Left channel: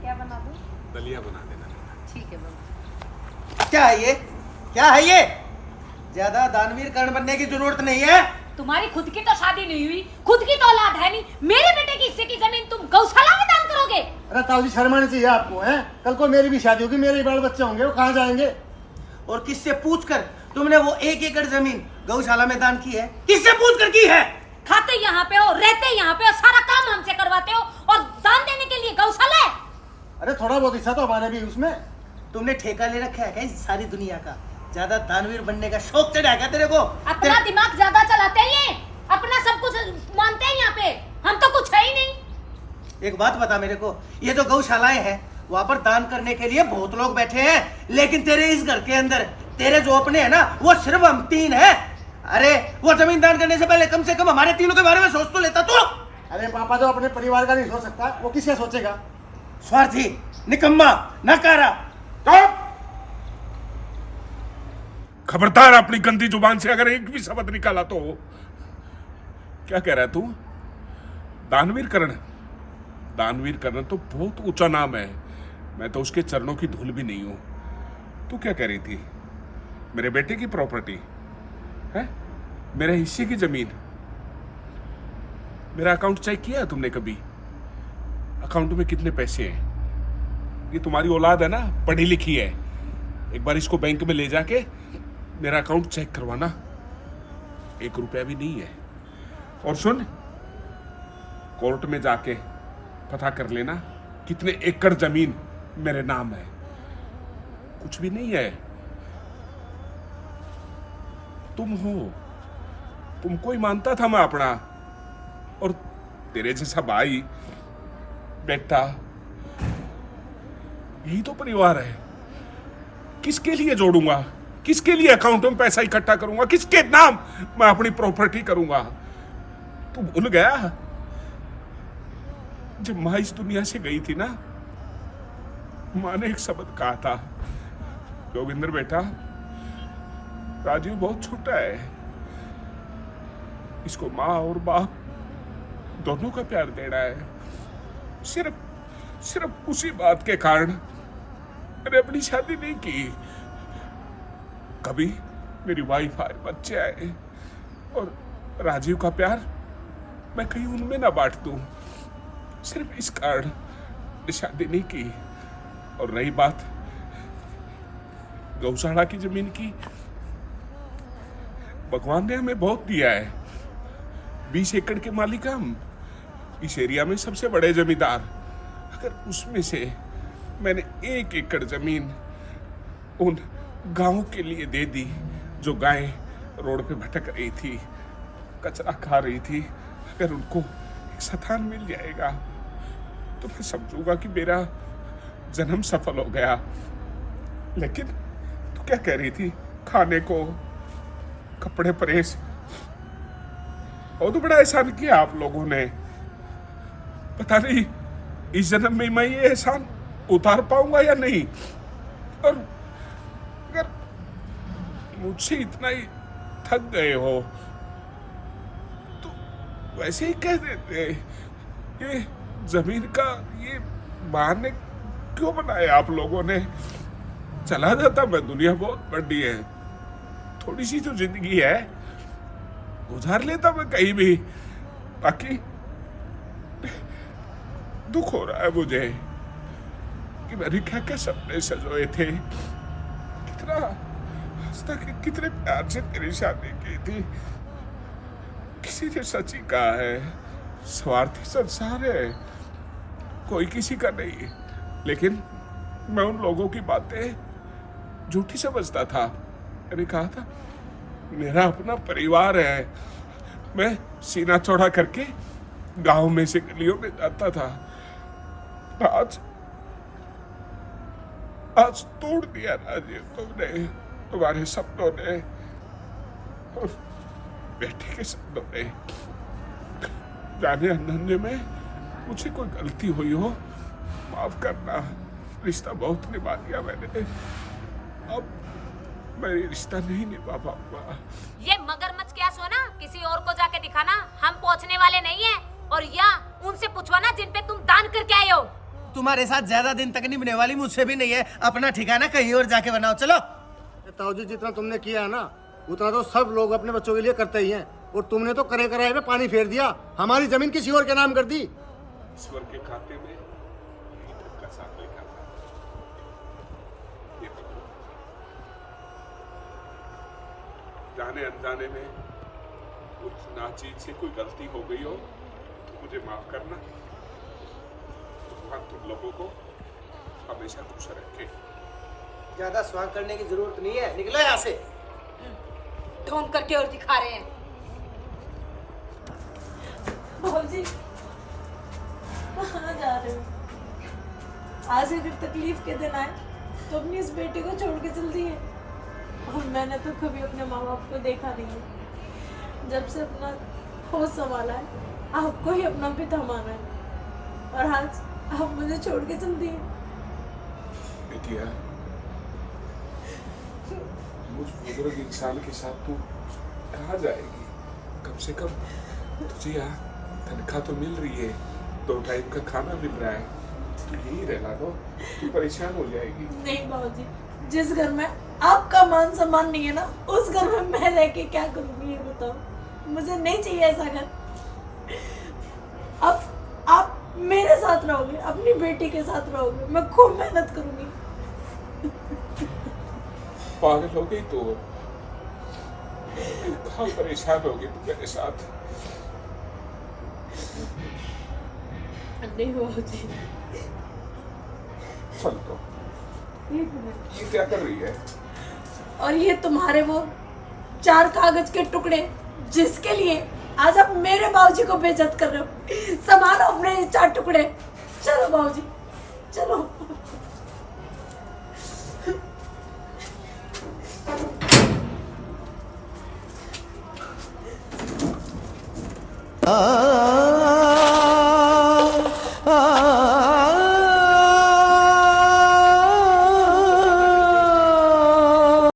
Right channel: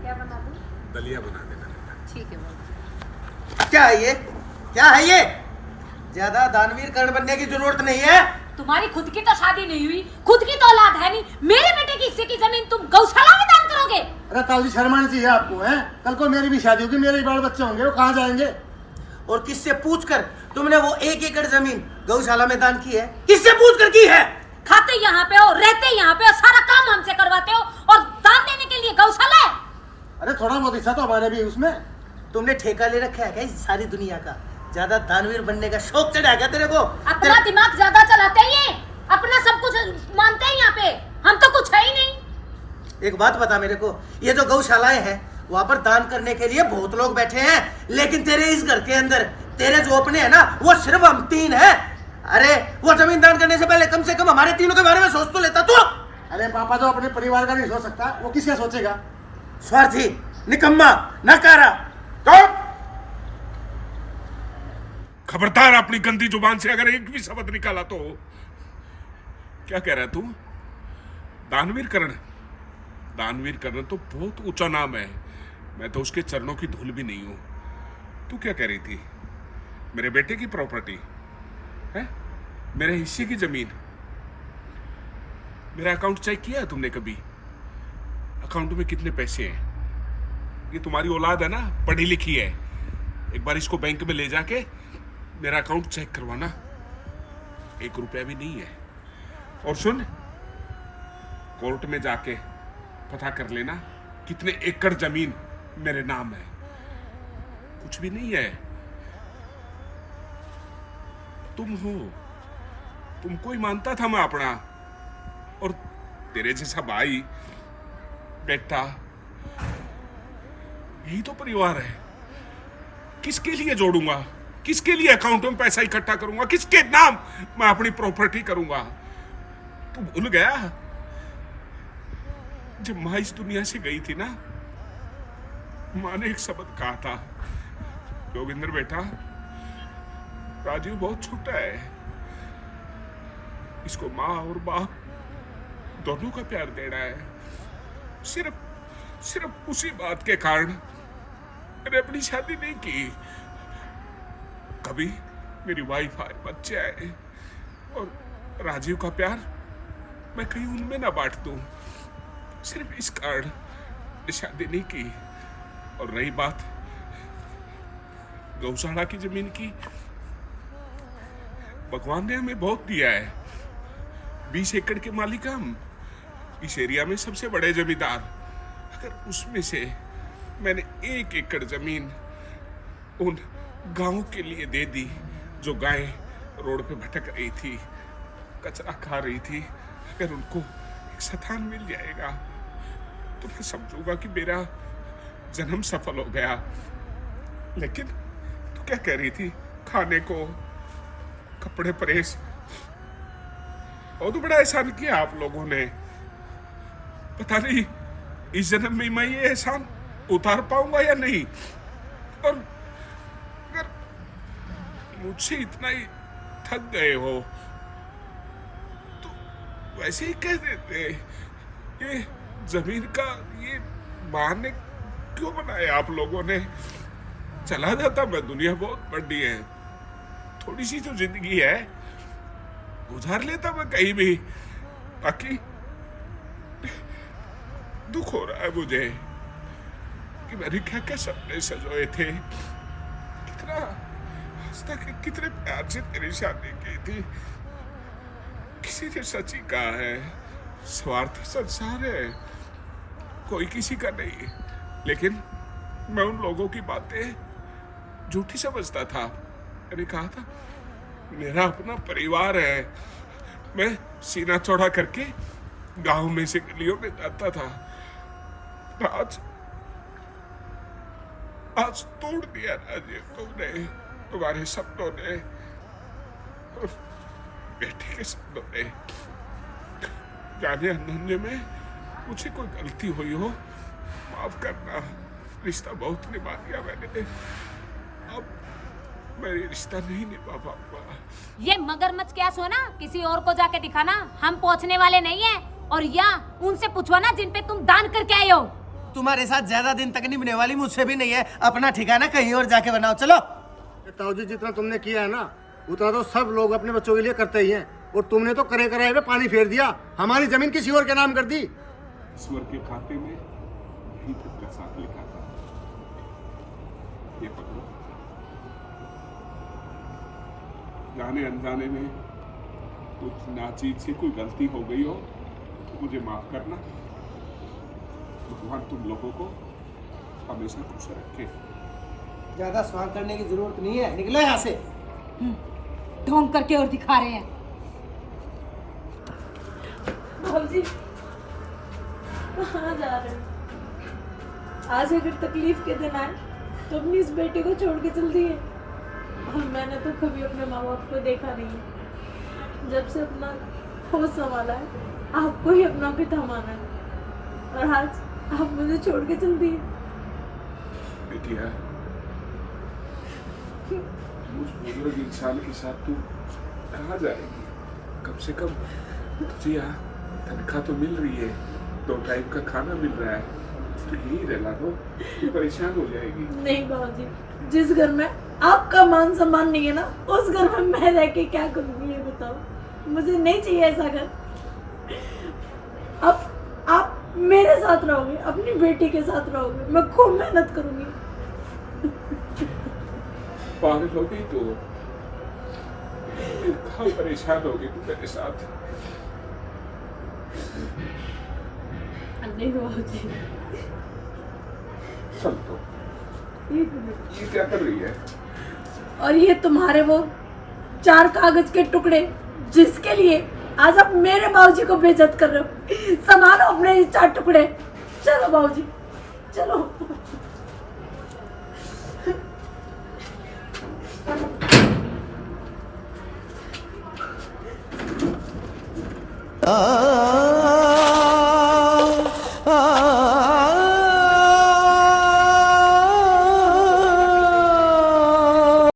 क्या बना दूं? दलिया बना देना बेटा। ठीक है बाबा। क्या है ये? क्या है ये? ज्यादा दानवीर कर्ण बनने की जरूरत नहीं है। तुम्हारी खुद की तो शादी नहीं हुई, खुद की तो औलाद है नहीं, मेरे बेटे की हिस्से की जमीन तुम गौशाला में दान करोगे? अरे ताऊ जी शर्म आनी चाहिए आपको, हैं? कल को मेरी भी शादी होगी, मेरे बाल बच्चे होंगे, वो कहाँ जाएंगे? और किससे पूछकर तुमने वो 1 एकड़ जमीन गौशाला में दान की है? किससे पूछकर की है? खाते यहाँ पे हो, रहते यहाँ पे हो, सारा काम हमसे करवाते हो और दान देने के लिए गौशाला है? अरे थोड़ा बहुत हिस्सा तो हमारा भी है उसमें। तुमने ठेका ले रखा है क्या इस सारी दुनिया का? ज्यादा दानवीर बनने का शौक चढ़ा क्या तेरे को? अपना दिमाग ज्यादा चलाते हैं ये, अपना सब कुछ मानते हैं यहाँ पे, हम तो कुछ है ही नहीं। एक बात बता मेरे को, ये जो गौशालाएं हैं वहां पर दान करने के लिए बहुत लोग बैठे हैं, लेकिन तेरे इस घर के अंदर तेरे जो अपने हैं ना, वो सिर्फ हम 3 हैं। अरे वो जमीन दान करने से पहले कम से कम हमारे तीनों के बारे में सोच तो लेता तू। अरे पापा जो अपने परिवार का नहीं सोच सकता, वो किसका सोचेगा? स्वार्थी, निकम्मा, नकारा। खबरदार अपनी गंदी जुबान से अगर एक भी शब्द निकाला तो। क्या कह रहा है तू? दानवीर कर्ण? दानवीर कर्ण तो बहुत ऊंचा नाम है, मैं तो उसके चरणों की धूल भी नहीं हूं। तू क्या कह रही थी? मेरे बेटे की प्रॉपर्टी है, मेरे हिस्से की जमीन? मेरा अकाउंट चेक किया है तुमने कभी? अकाउंट में कितने पैसे हैं? ये तुम्हारी औलाद है ना, पढ़ी लिखी है। एक बार इसको बैंक में ले जाके मेरा अकाउंट चेक करवाना, 1 रुपया भी नहीं है। और सुन, कोर्ट में जाके पता कर लेना कितने एकड़ जमीन मेरे नाम है। कुछ भी नहीं है। तुम हो, तुमको ही मानता था मैं अपना, और तेरे जैसा भाई बेटा, यही तो परिवार है। किसके लिए जोड़ूंगा? किसके लिए अकाउंट में पैसा इकट्ठा करूंगा? किसके नाम मैं अपनी प्रॉपर्टी करूंगा? तू भूल गया जब माँ इस दुनिया से गई थी ना, माँ ने एक शब्द कहा था, जोगिंदर बेटा, राजीव बहुत छोटा है, इसको माँ और बाप दोनों का प्यार देना है। सिर्फ उसी बात के कारण मैंने अपनी शादी नहीं की। कभी मेरी वाइफ आए, बच्चे आए, और राजीव का प्यार मैं कहीं उनमें ना बांट दूं, सिर्फ इस कारण शादी नहीं की। और रही बात गौशाला की जमीन की, भगवान ने हमें बहुत दिया है। 20 एकड़ के मालिक हम, इस एरिया में सबसे बड़े जमींदार। अगर उसमें से मैंने 1 एकड़ जमीन उन गांव के लिए दे दी जो गायें रोड पे भटक रही थी, कचरा खा रही थी, अगर उनको एक स्थान मिल जाएगा तो मैं समझूंगा कि मेरा जन्म सफल हो गया। लेकिन तू क्या कह रही थी? खाने को, कपड़े प्रेस, और तो बड़ा एहसान किया आप लोगों ने। पता नहीं इस जन्म में मैं ये एहसान उतार पाऊंगा या नहीं। और अगर मुझसे इतना ही थक गए हो तो वैसे ही कह देते। ये जमीन का ये बहाने क्यों बनाया आप लोगों ने? चला जाता मैं, दुनिया बहुत बड़ी है, थोड़ी सी तो जिंदगी है, गुजार लेता मैं कहीं भी। बाकी दुख हो रहा है मुझे कि मैंने क्या क्या सपने सजोए थे, कितना हंसता, कितने प्यार से तेरी शादी की थी। किसी ने सच ही कहा है, स्वार्थी संसार है, कोई किसी का नहीं। लेकिन मैं उन लोगों की बातें झूठी समझता था। मैंने कहा था मेरा अपना परिवार है, मैं सीना चौड़ा करके गांव में से गलियों में जाता था। आज तोड़ दिया राजीव तुमने, तुम्हारे सपनों ने और बेटे के सपनों ने। जाने अनजाने में मुझे कोई गलती हुई हो, माफ करना। रिश्ता बहुत निभा दिया मैंने, अब मैं रिश्ता नहीं निभा पाऊंगा। ये मगरमच्छ क्या सोना किसी और को जाके दिखाना, हम पहुंचने वाले नहीं है। और या उनसे पूछवाना जिन पे तुम दान करके आए हो। तुम्हारे साथ ज्यादा दिन तक निभने वाली मुझसे भी नहीं है। अपना ठिकाना कहीं और जाके बनाओ, चलो। ताऊ जी जितना तुमने किया है ना उतना तो सब लोग अपने बच्चों के लिए करते ही हैं, और तुमने तो करे कराए में पानी फेर दिया, हमारी जमीन किसी और के नाम कर दी। ईश्वर के खाते में यही तक का साथ लिखा था। ये पकड़ो, जाने अनजाने में कुछ नाचीज से कोई गलती हो गई हो तो मुझे माफ करना। भगवान तुम लोगों को हमेशा खुश रखे। ज्यादा स्वांग करने की जरूरत नहीं है, निकलो यहाँ से। ढोंग करके और दिखा रहे हैं। भाजी कहाँ जा रहे हो? आज अगर तकलीफ के दिन आए तो अपनी इस बेटे को छोड़ के चल दिए। और मैंने तो कभी अपने माँ बाप को देखा नहीं है। जब से अपना होश संभाला है आपको ही अपना पिता माना है, और आज आप मुझे छोड़ के चल दिए। बेटिया, मुझ बुजुर्ग इंसान के साथ तू कहाँ जाएगी? कम से कम तुझे यहाँ तनख्वाह तो मिल रही है, 2 टाइम का खाना मिल रहा है, तो यही रहना लो, तू परेशान हो जाएगी। नहीं बाबूजी, जिस घर में आपका मान सम्मान नहीं है ना, उस घर में मैं रह के क्या करूँगी ये बताओ। मुझे नहीं चाहिए ऐसा घर। अब आप मेरे साथ रहोगे, अपनी बेटी के साथ रहोगे, मैं खूब मेहनत करूंगी। पागल हो गई तो कहाँ परेशान हो गई तू मेरे साथ? नहीं बाबूजी, चल तो, एक मिनट। ये क्या कर रही है? और ये तुम्हारे वो 4 कागज के टुकड़े जिसके लिए आज आप मेरे बाबूजी को बेइज्जत कर रहे हो, संभालो अपने ये 4 टुकड़े। चलो बाबूजी, चलो। आ